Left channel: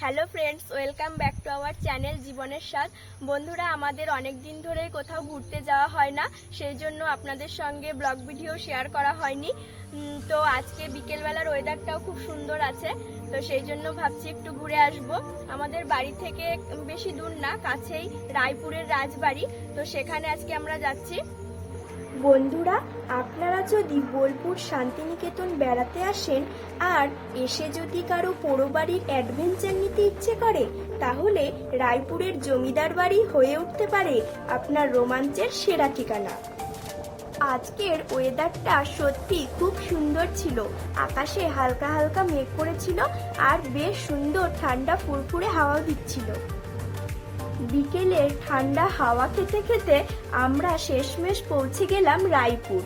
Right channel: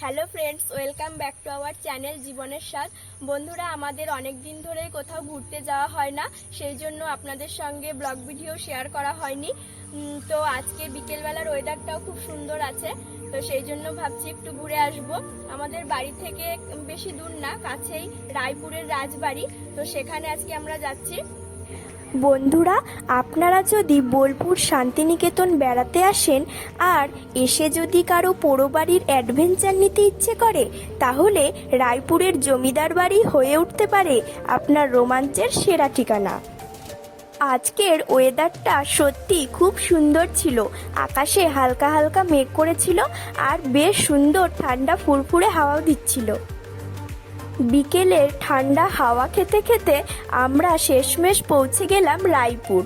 Hello friends, welcome back to our channel জীবনের স্বাদ। বন্ধুরা, আমাদের অনেক দিন ধরেই কোথাও ঘুরতে যাওয়া হয় না, সেই জন্য আপনাদের সঙ্গে ব্লগ ভিডিও শেয়ার করা হয়নি। তো আজকে বিকেলবেলার ওয়েদারটাও খুব সুন্দর আছে, তো সেই জন্য ভাবছি একটু ঘুরে আসব। আমাদের বাড়ি থেকে বেশি দূর না, কাছেই রায়পুরের রাজবাড়ি, তো সেখানে আজকে আমরা যাচ্ছি। বন্ধুরা, আপনারা যদি বোলপুর শান্তিনিকেতন বেড়াতে আসেন আর এসে যদি কারও পোড়োবাড়ির অ্যাডভেঞ্চার নিতে ইচ্ছে করে, তাহলে রায়পুরের জমিদার বাড়ি হয়ে উঠতে পারে আপনার রোমাঞ্চের সেরা ঠিকানা। আজকের ওয়েদারটা সত্যি খুব সুন্দর ছিল। আকাশে হালকা হালকা মেঘ করেছিল আর বেশ সুন্দর ঠান্ডা ফুরফুরে হাওয়াও দিচ্ছিল। বিকেলের ঠান্ডা হাওয়া খেতে খেতে আমরা শেষমেশ পৌঁছে গেলাম রায়পুর।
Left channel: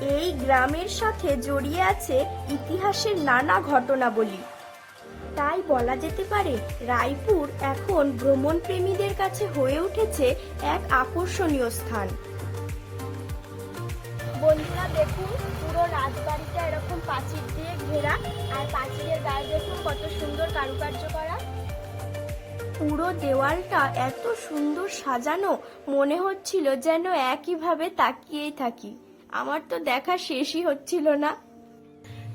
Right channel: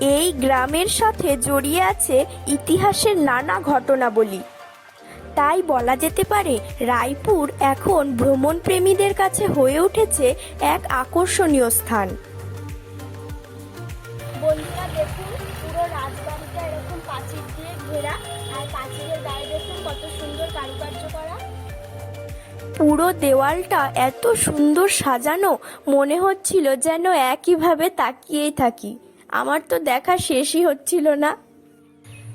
এই গ্রামের সাথে জড়িয়ে আছে ইতিহাসের নানা ঘটনাবলী। তাই বলা যেতে পারে রায়পুর এখন ভ্রমণ প্রেমীদের কাছে হয়ে উঠেছে এক আকর্ষণীয় স্থান। বন্ধুরা, দেখুন, পুরো রাজবাড়িটা এরকম পাঁচিল দিয়ে ঘেরা, আর পাঁচিলের গায়ে দেখুন কত সুন্দর কারুকার্য করা। পুরো দেওয়ালটা এত সুন্দর সাজানো, মনে হচ্ছিল যেন একইভাবে তাকিয়েই থাকি। আমার তো দেখা শেষই হচ্ছিল না।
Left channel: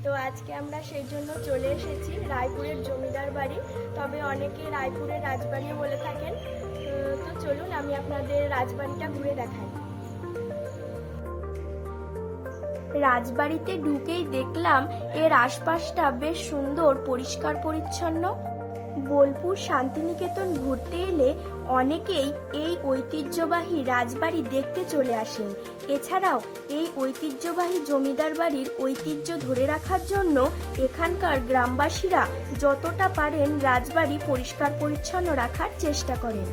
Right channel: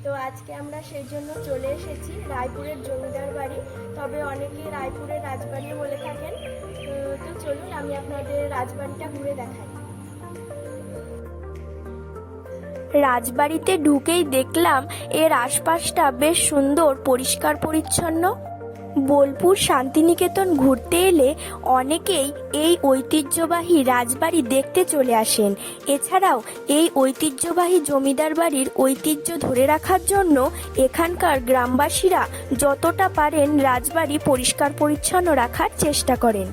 তো আজকে আমরা সেই জন্য চলে এসেছি রায়পুরের জমিদার বাড়ি। তবে অনেকে রায়পুরের রাজবাড়ি বলে থাকেন। তো চলুন আমি আপনাদের রাজবাড়িটা ঘুরে দেখাই। রাজবাড়িতে ঢুকেই দেখলাম এর আশপাশটা বেশ সুন্দর, পরিষ্কার, পরিচ্ছন্ন। বোলপুর শান্তিনিকেতন ঘুরতে এলে অনেকেই এই ঐতিহ্যবাহী রাজবাড়ি দেখতে চলে আসেন। এছাড়াও এই ঐতিহ্যবাহী জমিদার বাড়ির ঐতিহ্য ধরে রাখার জন্য এখানকার গ্রামবাসীরা যতটা পারেন রাজবাড়ি পরিষ্কার পরিচ্ছন্ন রাখার চেষ্টা করেন।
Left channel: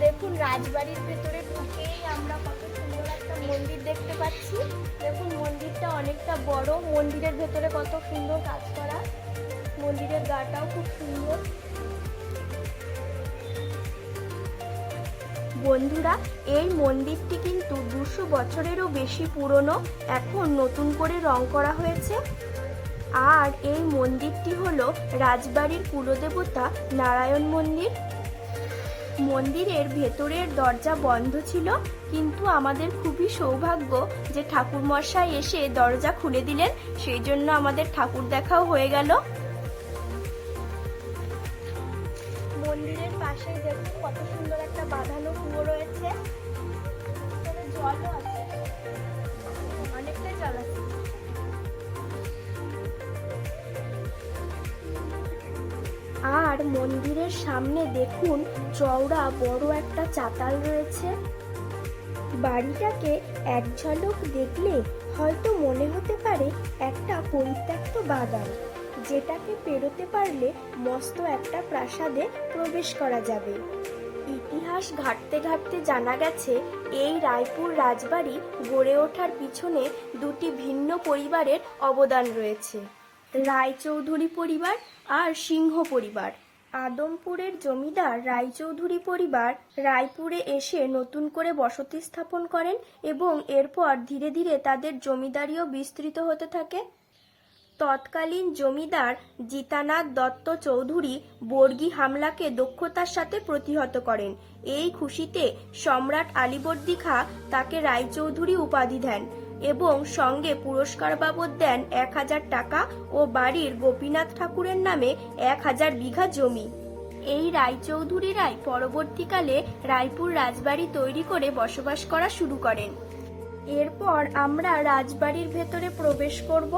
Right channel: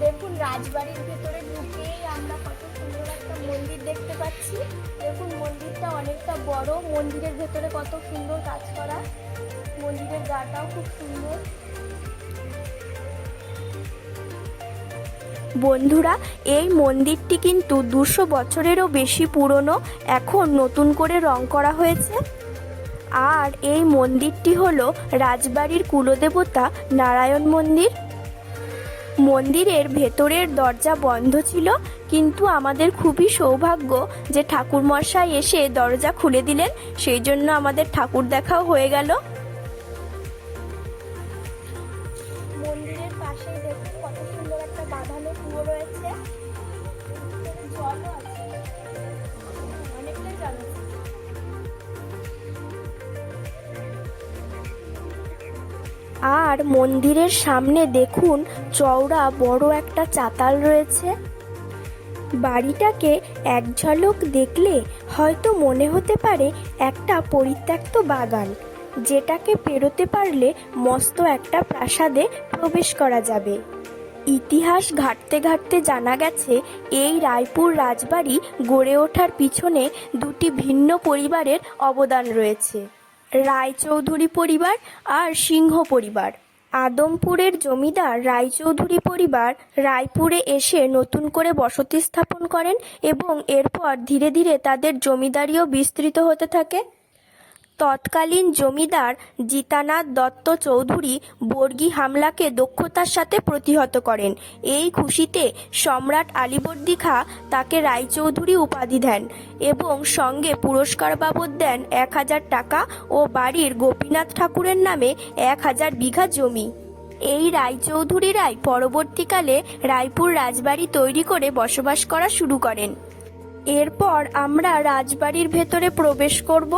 দেখুন, রাজবাড়ির ভেতরে ঢুকেই আমরা কত সুন্দর একটা মন্দির দেখতে পাচ্ছি। দেখুন, মন্দিরটা অনেকটা বড়। মন্দিরের ভেতরে কত সুন্দর কাজ করা। মন্দিরের গাটাও খুব সুন্দর। বন্ধুরা, এই মন্দিরটি কিন্তু দুশো বছরেরও বেশি পুরনো, এখন নতুন করে রং করা হয়েছে। আর এই মন্দিরটি হলো রাজবাড়ির কুলদেবতা নারায়ণ মন্দির। মন্দিরের ভেতরের দরজা বন্ধ ছিল, কিন্তু আমাদের খুবই সৌভাগ্য যে ঠাকুরমশাই এসে দরজা খুলে দিলেন, সেই জন্য আমাদের ঠাকুর দেখাও হয়ে গেল। কত সুন্দর একটা বাঁধানো কুয়ো রয়েছে। জলও আছে। অনেকটাই জল আছে। আর মন্দিরের সামনে দেখুন চওড়া বড় একটা চাতাল রয়েছে। বাড়িটাকে এক ঝলক দেখলে হয়তো মনে হতে পারে একটা পরিত্যক্ত বাগান। যেটাকে পেরোতে পারলে মস্ত একটা প্রাসাদে প্রবেশ করা যাবে। ইতিহাস ঘাটতে ঘাটতে জানা গেছে, এই রায়পুর রাজবাড়ি গড়ে ওঠার পিছনে দুটি ভিন্ন পরিবারের অবদান রয়েছে। রায়চৌধুরী পরিবার আর সিংহ পরিবার। আদমপুরের জমিদার রায়চৌধুরী পরিবার রায়পুরে এসে নতুন করে বসতি স্থাপন করেন এবং এরপর ধীরে ধীরে তাদের জমিদারিও বিস্তৃত হতে থাকে। তৎকালীন জমিদার জিতানাথ দত্ত চৌধুরী বর্গী হামলাকে দক্ষতার সাথে প্রতিহত করেন। এই খুশিতে সম্রাট আলীবর্দী খা তাকে রায়চৌধুরী উপাধি দেন এবং সঙ্গে পুরস্কার বাবদ দেন এক হাজার টাকা ও বাড়ির গোপীনাথ ঠাকুরের নামে এক হাজার বিঘা জমি। এই রায়চৌধুরীরাই পরবর্তীকালে রায়পুর রাজবাড়ি তৈরি করে বসবাস করা শুরু করেন। এরপর আমরা রাজবাড়ির ভেতরে প্রবেশ করব।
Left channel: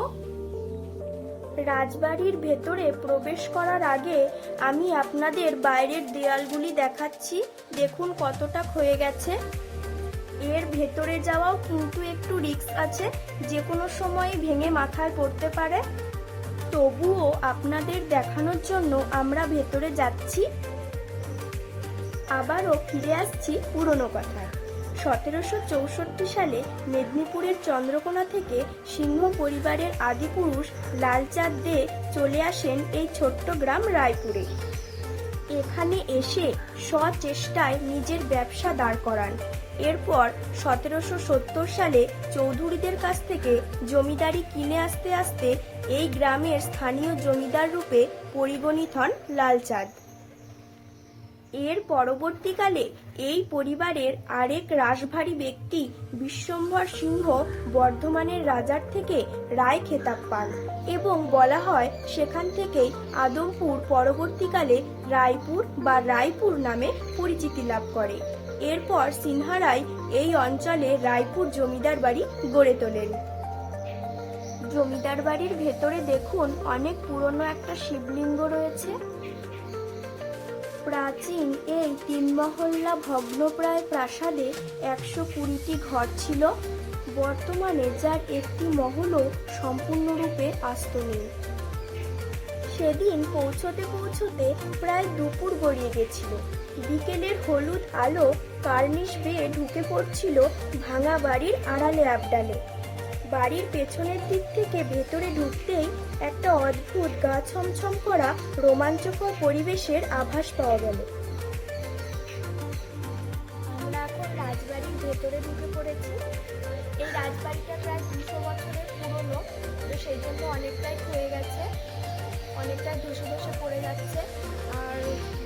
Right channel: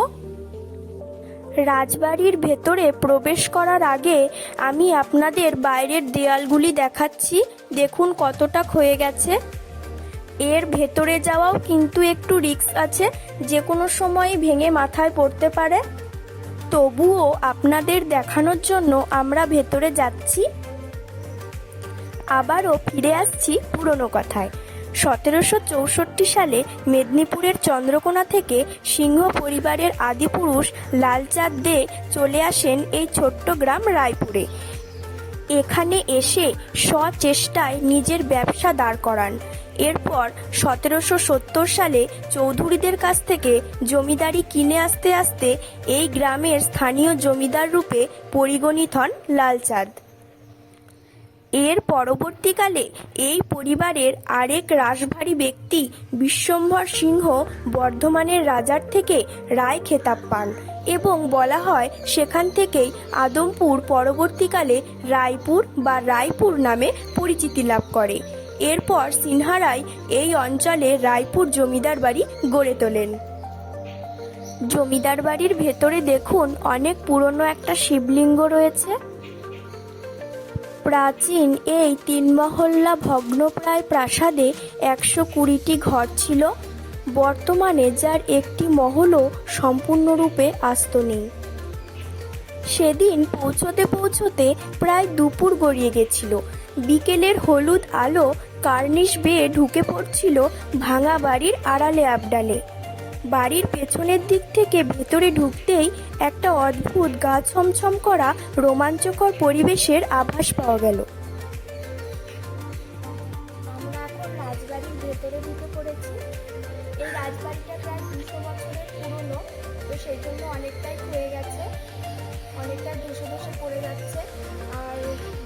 রাজবাড়ির ভেতরে প্রবেশ করার আগে আমি আপনাদের বাইরের দেয়ালগুলি দেখাচ্ছি। দেখুন কতটা ক্ষয়ে গেছে। এর ভেতরে যাওয়াও কিন্তু একটু রিস্ক আছে, যে কোনো সময় ভেঙে মাথায় পড়তে পারে। তবুও আপনাদের দেখানোর জন্য আমরা ভেতরে যাচ্ছি। আবারও ফিরে আসছি পুরনো কথায়। সতেরোশো চৌষট্টি সালে মেদিনীপুরের চন্দ্রকোনা থেকে সিংহ পরিবারের আদিপুরুষ লালচাঁদ দে চলে আসেন এই ছোট্ট গ্রাম রায়পুরে। এখানে এসে স্বচেষ্টায় নিজের ব্যবসা দাঁড় করান। এরপর সতেরোশো সত্তর সালে চৌধুরীদের কাছ থেকে জমিদারি কিনে আসতে আসতে এই গ্রামের স্থানীয় জমিদার রূপে পরিগণিত হন লালচাঁদ। এর পরবর্তীকালে এই পরিবারের আরেক রাশভারী ব্যক্তি বিশ্বম্ভর সিংহ বর্ধমানের রাজার থেকে রায় খেতাব পান এবং বলা হয় সেখান থেকেই আদমপুর পরবর্তীকালে রায়পুর বা রায়পুর নামে পরিচিতি লাভ করে। এরপর সিনহারায় এই অঞ্চলে রায়পুর জমিদার বাড়ি গড়ে তোলেন। জমিদার বাড়ির ভেতরে দেখুন অনেক পুরনো একটা শিবলিঙ্গ রয়েছে। প্রাচীন এই তিন মহল্লা ভগ্নপ্রায় প্রাসাদে একশো কুড়িটি ঘর ছিল। বর্তমানে যার একটি মহলও সম্পূর্ণরূপে আস্ত নেই। সেদিন পৌঁছতে পৌঁছতে প্রায় দুপুর গড়িয়ে গেছিল। বিকেলের হলুদ আলো কার্নিশ বেয়ে ঢুকে পড়ছিল ভাঙা বাড়ির আড়ালে আবডালে। বাড়ির পেছনের দিক থেকে ভেতরে ঢুকতেই একটা অদ্ভুত গা ছমছম করা রোমাঞ্চকর পরিবেশের আভাস পাওয়া গেল। আমরা এখন রাজবাড়ির ভেতরে ঢুকে পড়েছি। এই রাজবাড়িটা প্রায় দুশো বছরের পুরনো, তো সেই জন্য অনেকটাই ক্ষয়ে গেছে অনেকটাই ধসে ধসে পড়ে যাচ্ছে। আর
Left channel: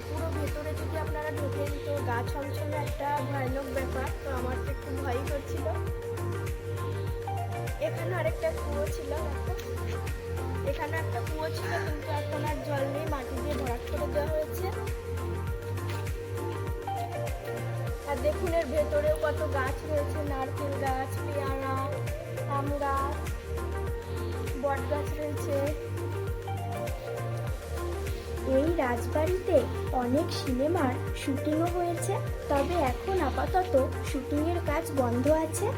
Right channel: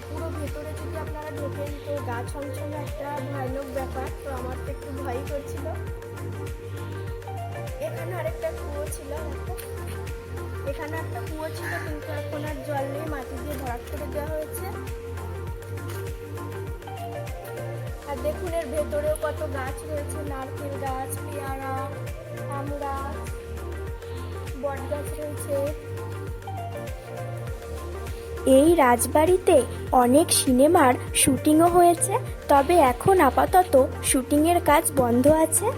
পুরো ভেতরে যদি আপনারা ঢোকেন, তো গা ছমছমে একটা ভয়ানক ব্যাপার, তো আমার তো একটু ভয়ই করছিল। এখানে আরেকটা কুয়ো ছিল একটা এখানে একটা কুয়ো ছিল, কিন্তু এখন আর জল নেই, মাটি দিয়ে ভরাট করে দেওয়া হয়েছে। আর দেখুন এর ভেতরেও কত গাছ রয়েছে, নারকেল গাছ, পেয়ারা, আম গাছ, বট গাছ রয়েছে। এই রাজবাড়িতে অনেক সিনেমার শুটিংও হয়েছে, তবে এখন আপাতত শুটিংয়ের কাজ বন্ধ আছে।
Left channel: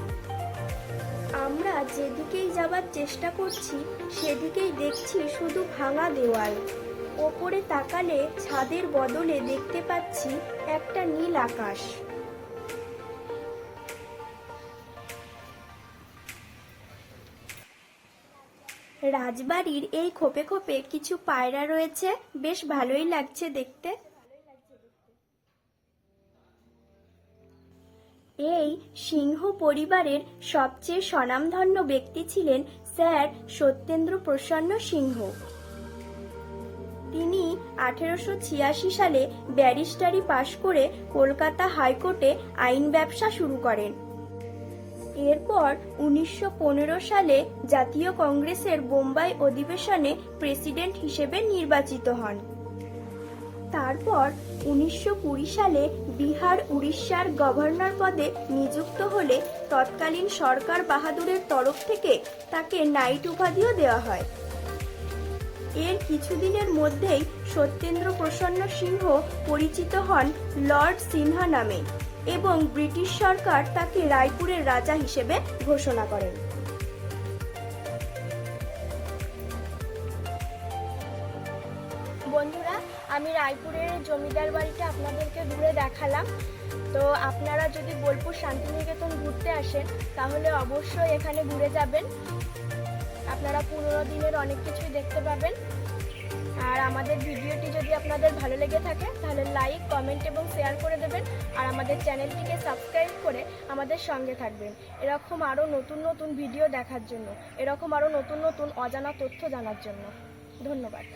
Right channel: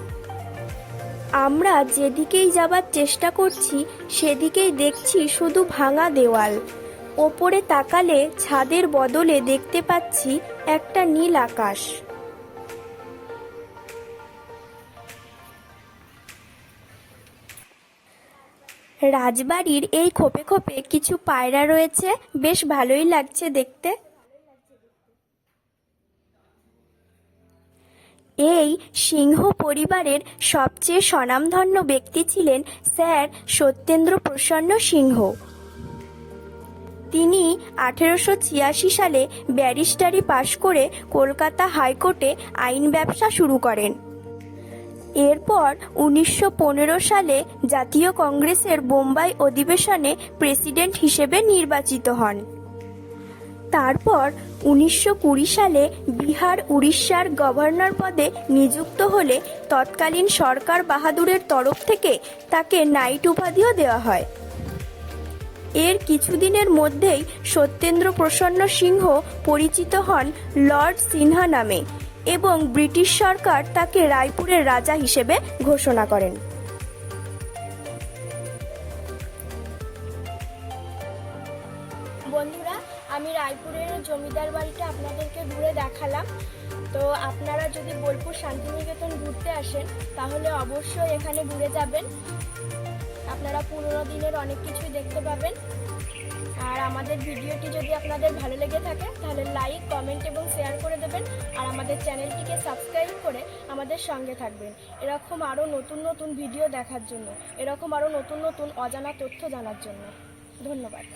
আমরা যেদিকেই যাবার চেষ্টা করছি, সেদিকেই দেখছি শুধু ভাঙা দেওয়াল। ওপরে তাকালে ছাদের বদলে দেখতে পাচ্ছি একটা নীল আকাশ। রাজবাড়ির এই খোপে খোপে কিছু পায়রা রয়েছে। বেশ ভালোই লাগছে দেখতে। সিংহ পরিবারের সবচেয়ে স্বনামধন্য ব্যক্তি ছিলেন স্যার সত্যেন্দ্র প্রসন্ন সিংহ। তিনি আঠেরোশো ছিয়াশি সালে ব্যারিস্টারি পাশ করে কলকাতা হাইকোর্টে আইন ব্যবসা শুরু করেন। এরপর উনিশশো পনেরো সালে জাতীয় কংগ্রেসের বোম্বাই অধিবেশনে প্রেসিডেন্ট হিসেবে নির্বাচিত হন। তারপর উনিশশো কুড়ি সালে বিহার উড়িষ্যার গভর্নর পদে নিযুক্ত হলে তৎকালীন সরকার বাহাদুরের তরফ থেকে তাকে নাইট উপাধিও দেওয়া হয়। এর কিছুদিনের মধ্যেই সত্যেন্দ্র প্রসন্ন সিংহ পরিচিত হন লর্ড সিনহা নামে এবং ব্রিটিশ সরকার তাকে রায়পুরের রাজা হিসেবে ঘোষণা করেন। আমি রায়পুরের জমিদার বাড়িটা আপনাদেরকে ঘুরে দেখালাম। তো আপনারা যদি বোলপুর শান্তিনিকেতন ঘুরতে আসেন, তাহলে অবশ্যই এখানে ঘুরে যাবেন। আপনারা পুরোনো দিনের অনেক কিছুই দেখতে পাবেন। আর আমাদের ভিডিওটি যদি আপনাদের ভালো লেগে থাকে, তাহলে লাইক, কমেন্ট এবং শেয়ার করে দেবেন। আর আমাদের চ্যানেলটিকে সাবস্ক্রাইব করে আমাদের সঙ্গে থাকবেন। এরকম আরও নতুন নতুন ভিডিও দেখার জন্য, এরকম আরও নতুন নতুন অজানা তথ্য জানার জন্য। ধন্যবাদ।